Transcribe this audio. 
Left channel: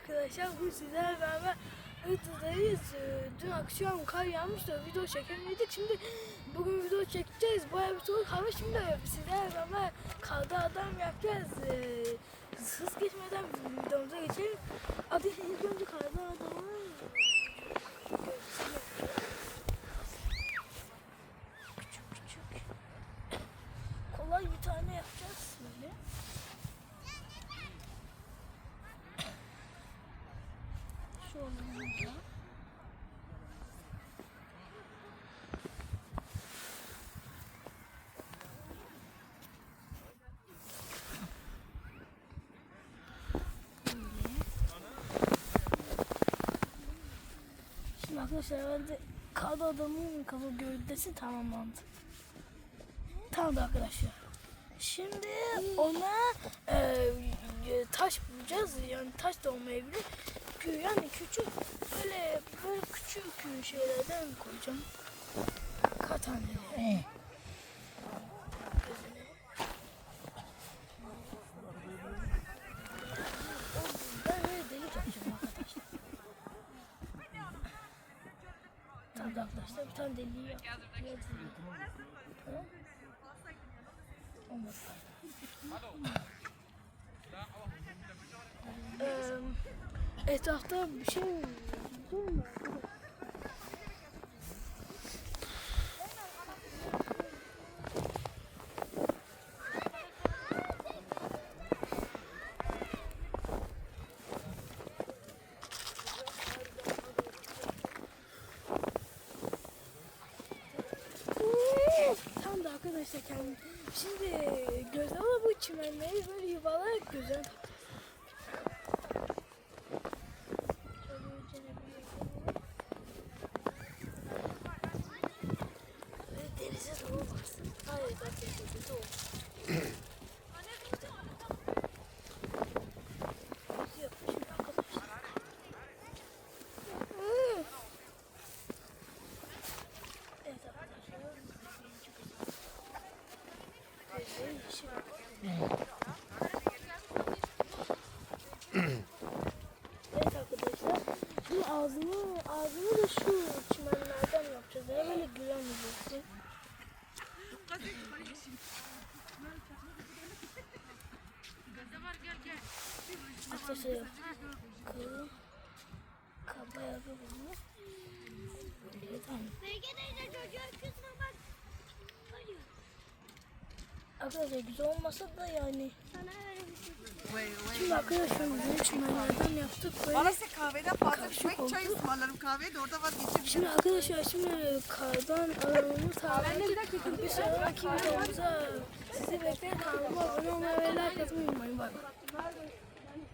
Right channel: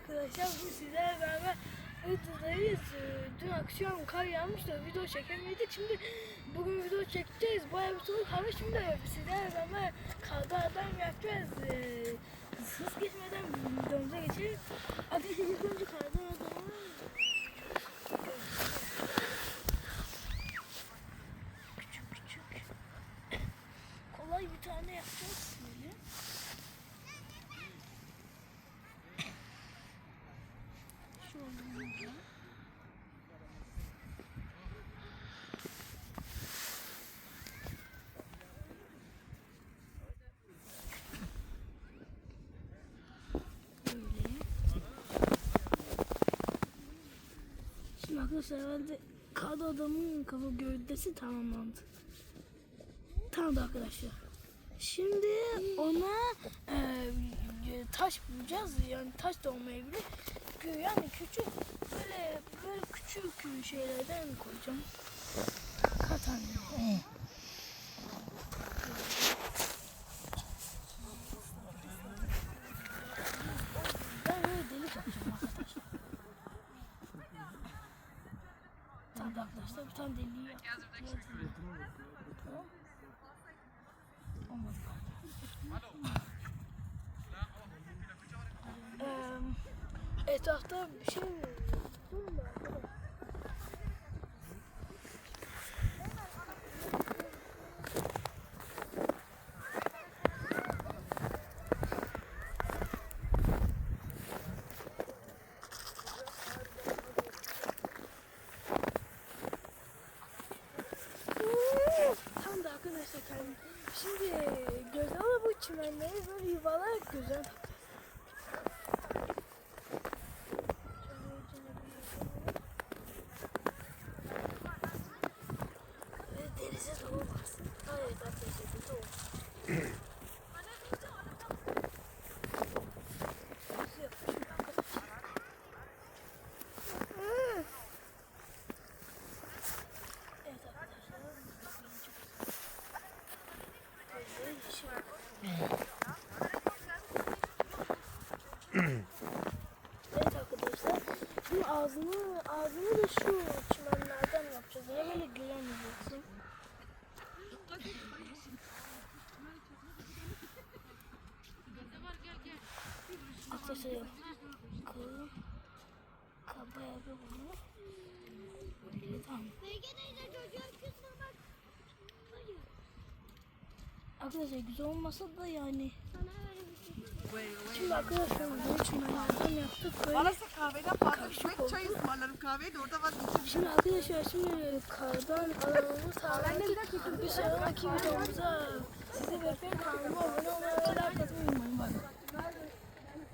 arkadaşlar bu sizlerle beraber Iğdır'dayız. Ee, Dün akşam kar yağmıştı video çekemedik. Şimdi bugün video çekeceğiz. Bayağı bir soğuk hava şimdi sizlerle beraber karda adam yapacağız. Ee, hız geçmeden videomuza geçelim. Hadi ilk önce karda adamı küçük küçük kolay bir tane yapacağız şimdi. Arkadaşlar herhalde kadı adamın kafa gövdesi tamamlandı. Tamam arkadaşlar. Şimdi ona e, e, taş bulacağız. Yani taş da olmayabilir. Yani küçük böyle böyle şeylerden koyacağım. Kaç tane? Arkadaşlar. Bir deliği. Olmadı. Eee, etrafta bir şey buldun kendim. Şimdi göze ama bu çimenleri böyle yuvalayarak göze Denize doğru baksın. Hayır arkadaşlar denize doğru. Evet arkadaşlar. Çok güzel. Gözleri yeşil. Evet arkadaşlar. Bunun ağzını, ağzını da şu çimenlerden yapacağız. Öyle böyle gülemeyeceksin. Arkadaşlar kolu kaba yapı bunu. Tamam. Arkadaşlar güzel olmasa da yani. Şimdi arkadaşlar bunu çimenlerden yaptık böyle. Arası kahveden fazla içmek çay ısmarlarım kahveye de orada vazgeçebilirim. Şimdi arkadaşlar şimdi kardan alanını sağlayacak. Bir sonraki videomuzda sizi bekleyin. Kanalıma abone olmayı ve like atmayı unutmayın. Bye.